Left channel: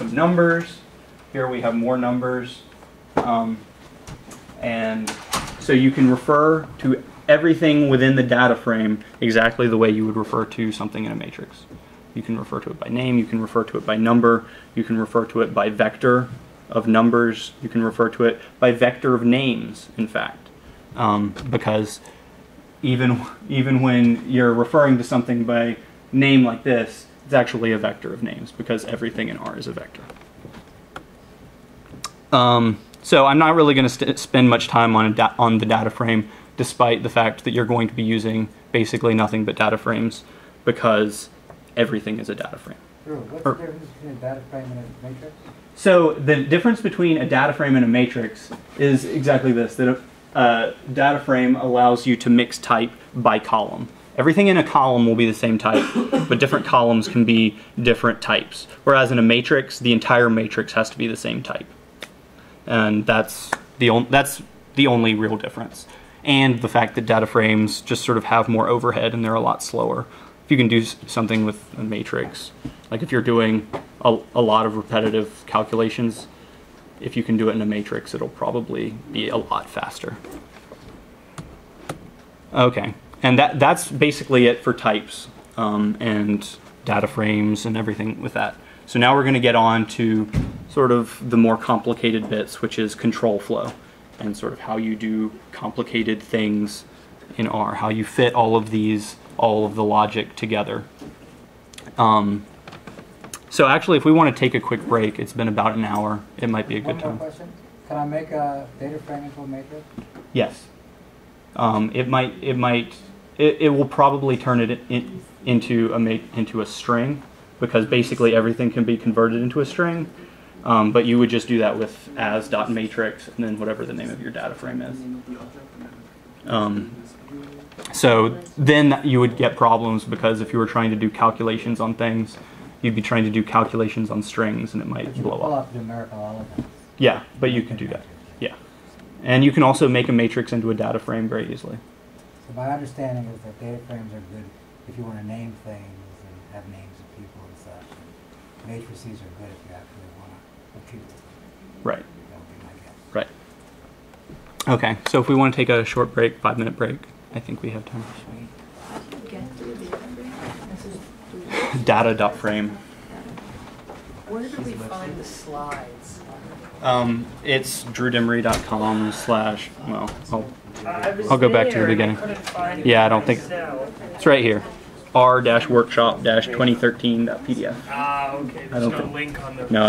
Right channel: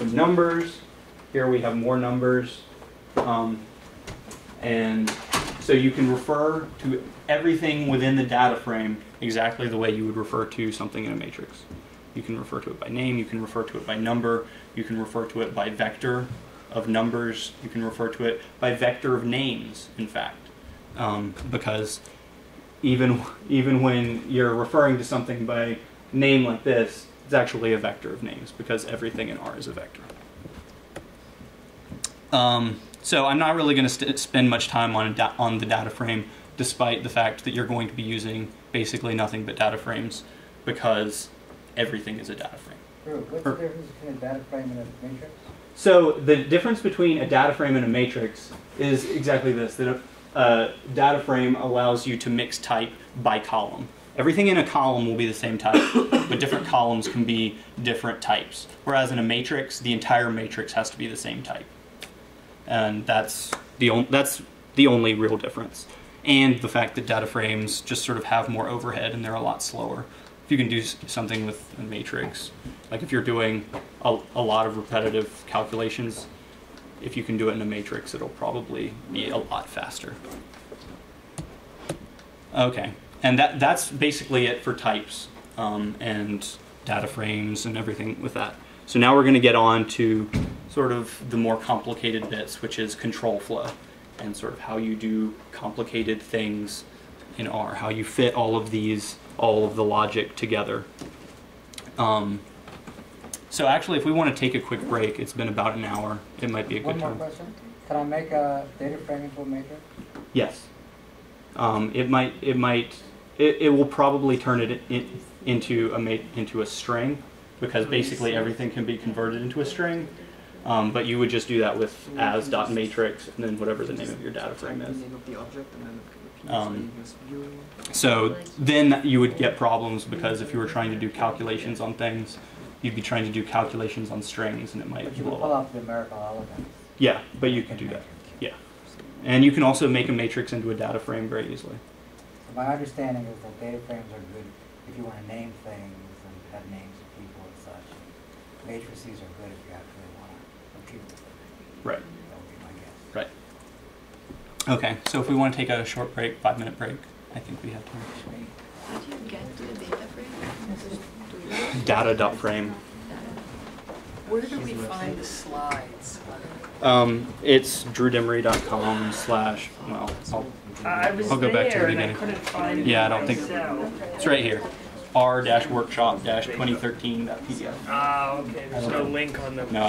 some numbers. Here we have more numbers. And so you can refer to everything within the data frame exactly the way you would refer to something in a matrix. You can refer to it by name, you can refer to it by number, you can refer to it by vector of numbers, you can refer to it by vector of names, in fact. Because even when you're referring to something by name like this, it's actually a vector of names because everything in R is a vector. So I'm not really going to spend much time on the data frame, despite the fact that you're going to be using basically nothing but data frames, because everything is a data frame. Drew, what's the difference between a data frame and a matrix? So the difference between a data frame and a matrix is exactly this, that a data frame allows you to mix type by column. Everything in a column will be the same type, but different columns can be different types. Whereas in a matrix, the entire matrix has to be the same type. And that's the only real difference. And the fact that data frames just sort of have more overhead and they're a lot slower. If you can do something with a matrix, like if you're doing a lot of repetitive calculations, if you can do it in a matrix, it'll probably be a lot faster. Okay, and that's basically it for types and data frames and everything with that. So now we're going to get on to sort of the more complicated bits, which is control flow, and sort of how you do complicated things in R, how you fit all of the logic together. So actually, if we want to take a quick break, it's been about an hour. It might be a good time. One more question. Can I make a data frame into a matrix? Yes. It will probably turn it into a string, because basically everything can be converted into a string. But you would just do that with as.matrix and then whatever the name of your data frame is. So then you would get problems, because if you were trying to do calculations on things, you'd be trying to do calculations on strings and it might blow up. Pull up numerical elements. Yeah, but you can do that. Yeah. And you can also make a matrix into a data frame very easily. So my understanding is that data frames are good if you want to name things and have names of people and such. And matrices are good if you actually want to compute with them. Right. That would be my guess. Right. Okay, so if we want to take a short break, 5-minute break, I think we have time. Data.frame. Where do we find the slides? It's drewdemery.com / well, I'll go back to the beginning. Yeah, I don't think it's right here. r-workshop-2013.pdf. Ah, okay. There's no link on the. No.